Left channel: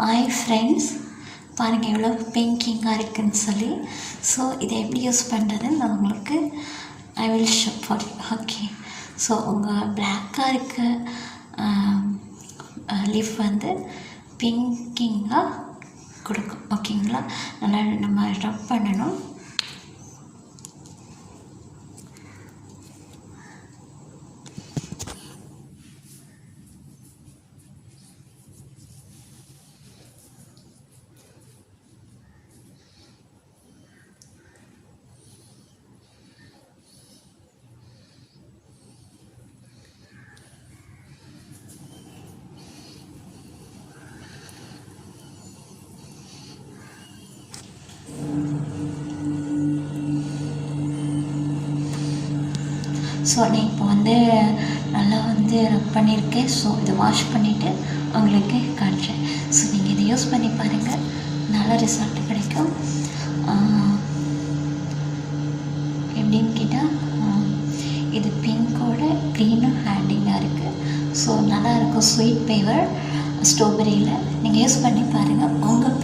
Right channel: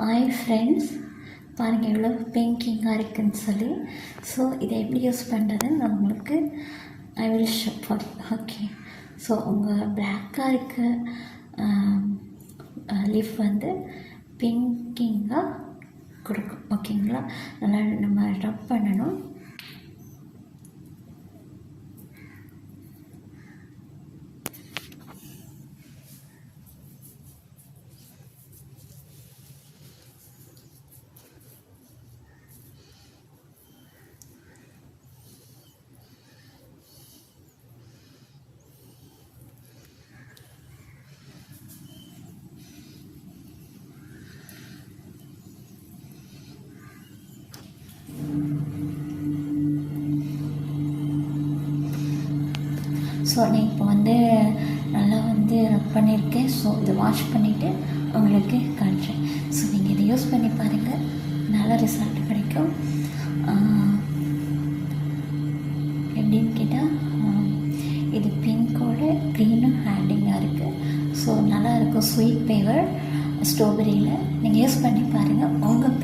Hi friends, பாருங்கள் எவ்வளோ பிங்கிங்காக இருக்குதுன்னு சொல்லி. ஸோ இதை எப்படி யூஸ் பண்ணுறதுன்னு நான் உங்களுக்கு I will show for you. Okay, so உங்கள் பிளாக்காக இருக்க லிஃப் வந்து பிங்கிங்காக கொடுக்கும். ஓகேங்களா, நல்லா நம்ம ரப் பண்ணணும். ஸோ நான் இப்போ வந்து நல்லா வந்து ரப் பண்ணியிருக்கேன். ஸோ இதை வாஷ் பண்ணிவிட்டு உங்களுக்கு காட்டுறேன். ஸோ நீங்கள் இதை யூஸ் பண்ணி பாருங்கள், நல்ல ரிசல்ட் கிடைக்கும். எப்படின்னு கேட்டால் இது பிங்கோட க்ரீனும் ஹேண்டிங்காக இருக்குது. ஸோ நல்லாயிருக்கும், ஸ்வீட் ஃப்ளேவர் ஸ்ட்ராபெரியில். நீங்கள் யூஸ் பண்ணி பாருங்கள், உங்கள்